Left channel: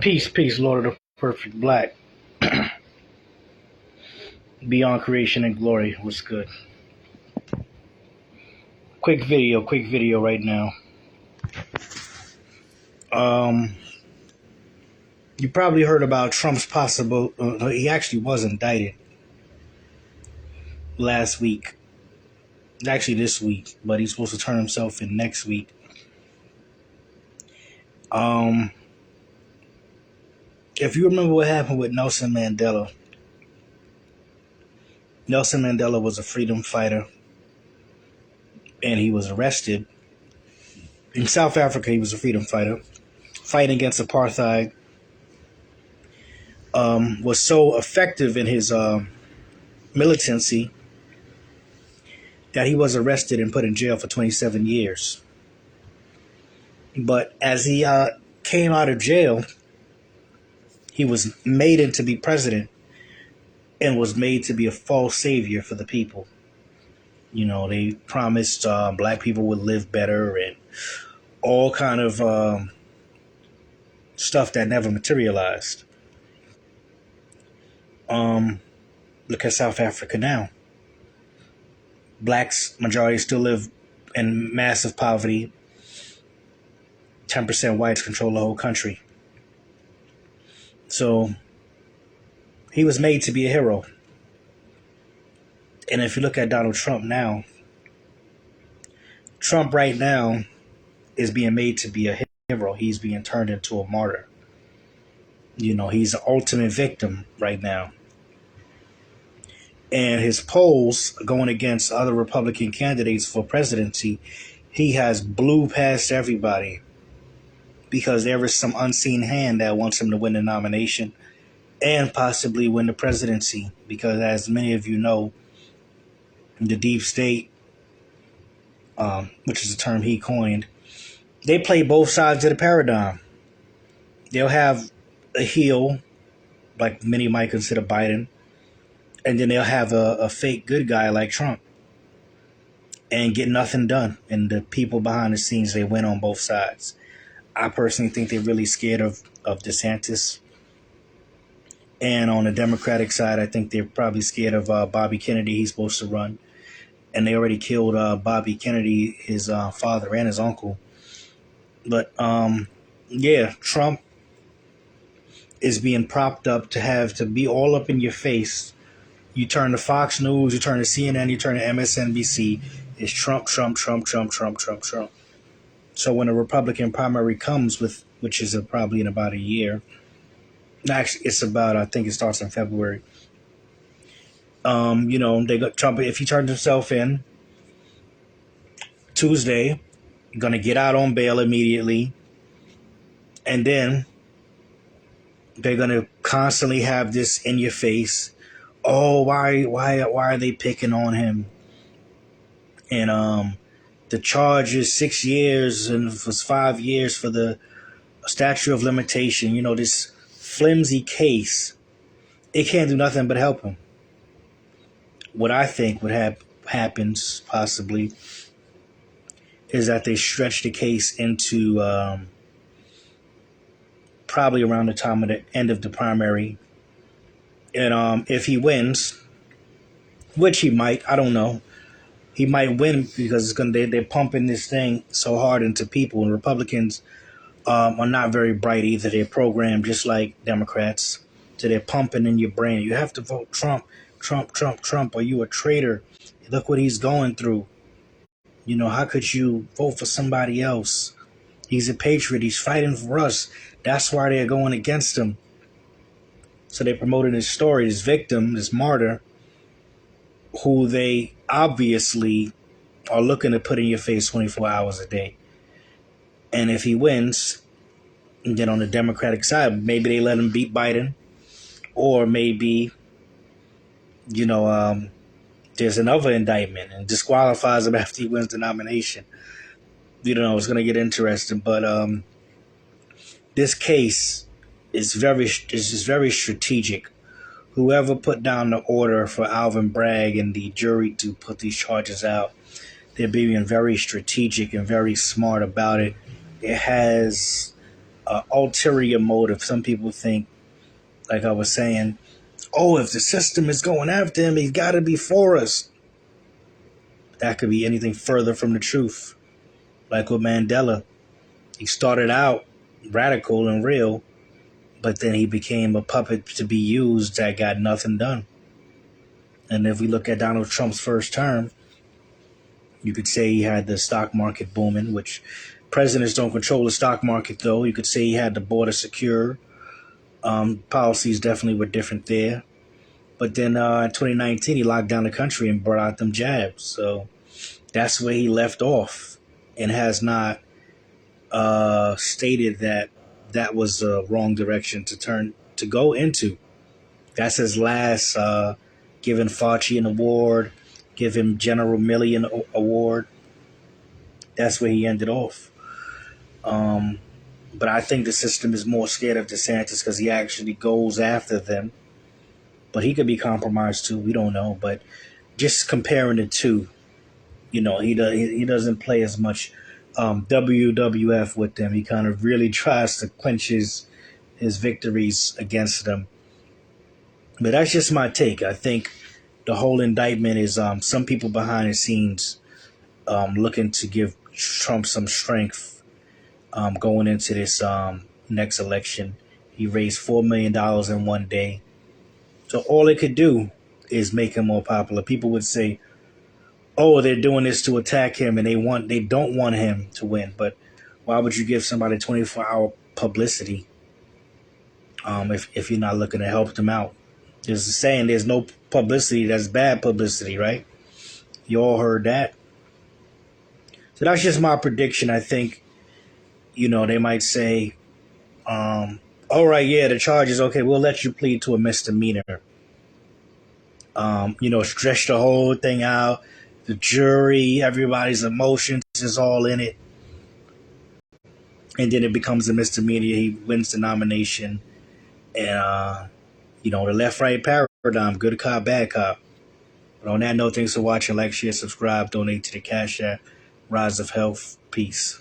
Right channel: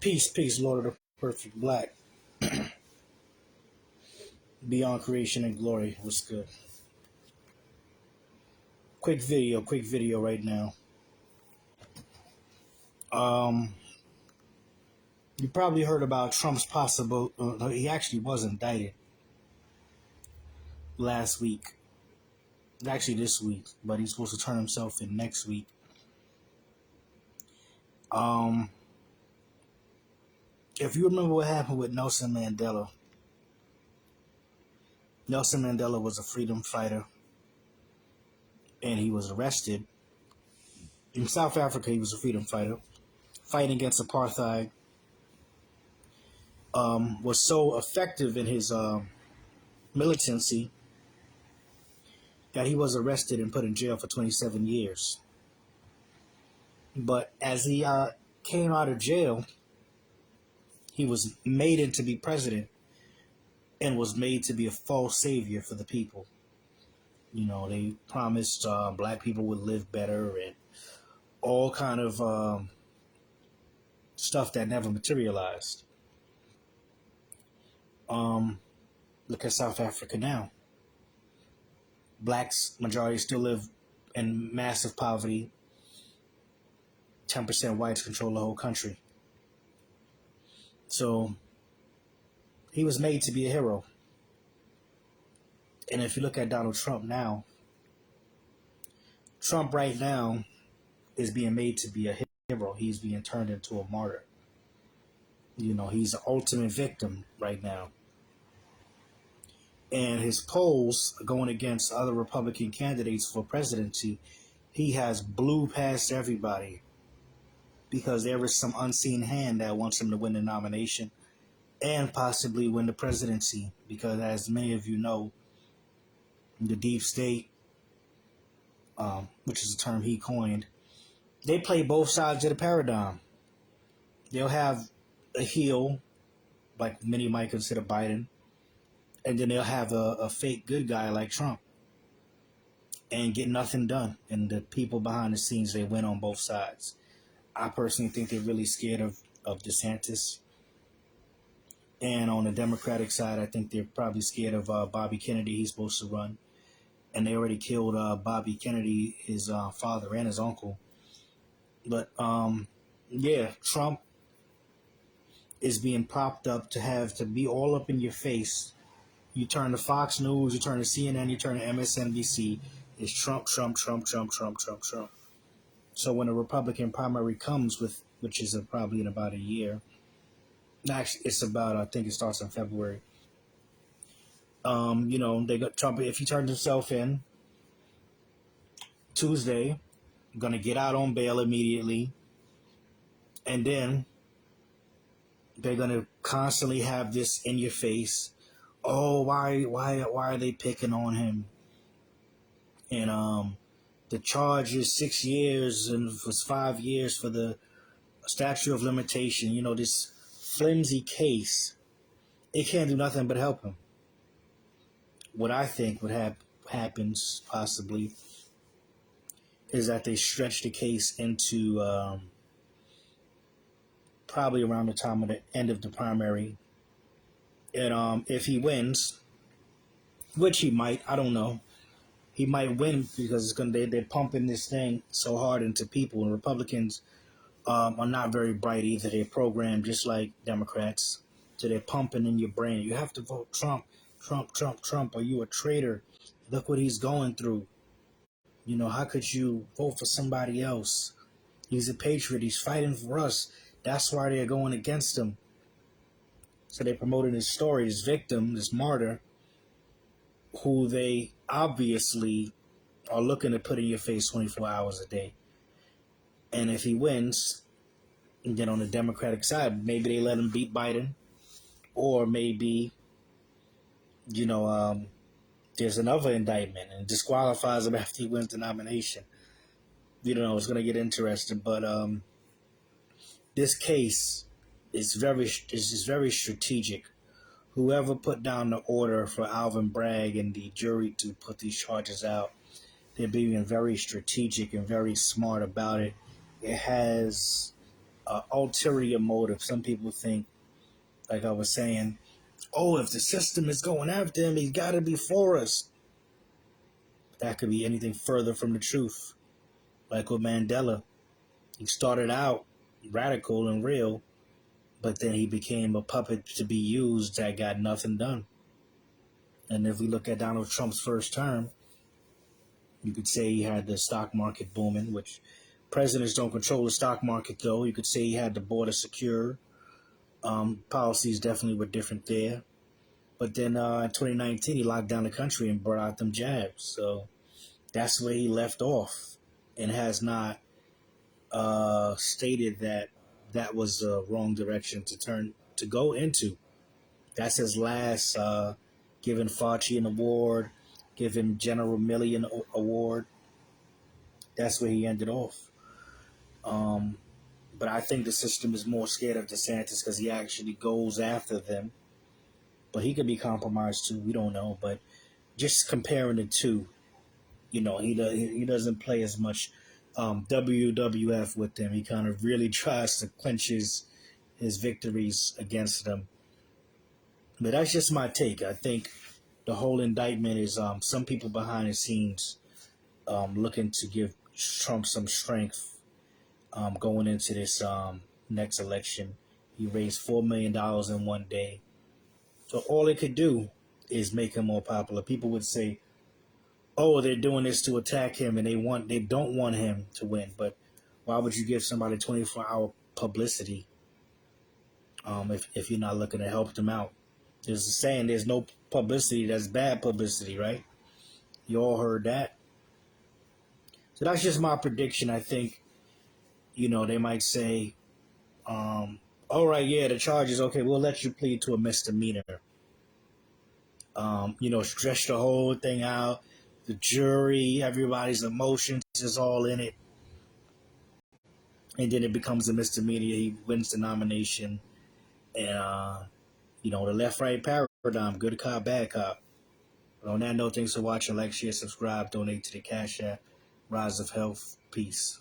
Peace, peace, Lord of the Perfect Black. Beyond creation and glory. What's good? Quick video right now. Um, you probably heard about Trump's possible. He actually was indicted last week. Actually, this week, but he's supposed to turn himself in next week. Um, if you remember what happened with Nelson Mandela, Nelson Mandela was a freedom fighter, and he was arrested in South Africa. He was a freedom fighter fighting against apartheid. Was so effective in his militancy that he was arrested and put in jail for 27 years. But as he came out of jail, he was made into be president and was made to be a false savior for the people. You know, they promised black people would live better and all kind of stuff that never materialized. Look at South Africa now. Blacks, majority still live in massive poverty. 10% whites control the whole country. So he was made to be a hero. And if you look at Donald Trump now, Trump right now is being made to be a hero. He's being turned into a martyr. You know, he's the ultimate victim right now. And his polls going against other Republican candidates for presidency, he has blew past everybody because there is some unseen hand that wants him to win the nomination and possibly win the presidency. Because as many of you know, the deep state, which is a term he coined, they play both sides of the paradigm. They'll have a heel, like many might consider Biden, and then they'll have a fake good guy like Trump and get nothing done. And the people behind the scenes, they win on both sides. I personally think they're really scared of DeSantis. And on the Democratic side, I think they're probably scared of Bobby Kennedy. He's supposed to run. And they already killed Bobby Kennedy, his father and his uncle. But, yeah, Trump is being propped up to be all up in your face. You turn to Fox News, you turn to CNN, you turn to MSNBC. It's Trump, Trump, Trump, Trump, Trump, Trump, Trump. So when a Republican primary comes, which is probably in about a year, actually it's about, I think it starts in February. You know, they got Trump. If he turns himself in Tuesday, gonna get out on bail immediately, and then they're gonna constantly have this in your face. Oh, why are they picking on him? And the charge is 6 years and it was 5 years for the statute of limitation. You know, this flimsy case, it can't do nothing but help him. What I think would happens possibly is that they stretch the case into probably around the time of the end of the primary. And if he wins, which he might, I don't know, he might win because they're pumping this thing so hard into people. And Republicans are not very bright either. They're programmed just like Democrats. So they're pumping in your brain. You have to vote Trump, Trump, Trump, Trump. Are you a traitor? Look what he's going through. You know, how could you vote for somebody else? He's a patriot. He's fighting for us. That's why they're going against him. So they promoted his story, this victim, this martyr, who they obviously are looking to put in your face 24 hours a day. And if he wins, then on the Democratic side, maybe they let him beat Biden. Or maybe, you know, there's another indictment and disqualifies him after he wins the nomination. You know, it's going to get interesting. But this case is very strategic. Whoever put down the order for Alvin Bragg and the jury to put these charges out, they're being very strategic and very smart about it. It has ulterior motive. Some people think, like I was saying, oh, if the system is going after him, he's got to be for us. That could be anything further from the truth. Like with Mandela, he started out radical and real, but then he became a puppet to be used that got nothing done. And if we look at Donald Trump's first term, you could say he had the stock market booming, which presidents don't control the stock market, though. You could say he had the border secure. Policies definitely were different there. But then in 2019, he locked down the country and brought out them jabs. So that's where he left off and has not stated that that was the wrong direction to go into. That's his last giving Fauci an award, give him General Milley an award. That's where he ended off. But I think the system is more scared of DeSantis because he actually goes after them. But he could be compromised too. We don't know. But just comparing the two, he doesn't play as much WWF with them. He kind of really tries to clinch his victories against them. But that's just my take. I think the whole indictment is some people behind the scenes looking to give Trump some strength going into this next election. He raised $4 million in one day. So all it could do is make him more popular. People would say, oh, they're doing this to attack him and they don't want him to win. But why would you give somebody 24-hour publicity if you're not looking to help them out? There's a saying, there's no publicity that's bad publicity, right? You all heard that. So that's just my prediction. I think, they might say, all right, yeah, the charges, okay, we'll let you plead to a misdemeanor. Stretch the whole thing out. The jury, everybody's emotions is all in it. And then it becomes a misdemeanor. He wins the nomination. And, the left-right paradigm, good cop, bad cop. But on that note, thanks for watching. Like, share, subscribe, donate to the Cash App. Rise of Health. Peace.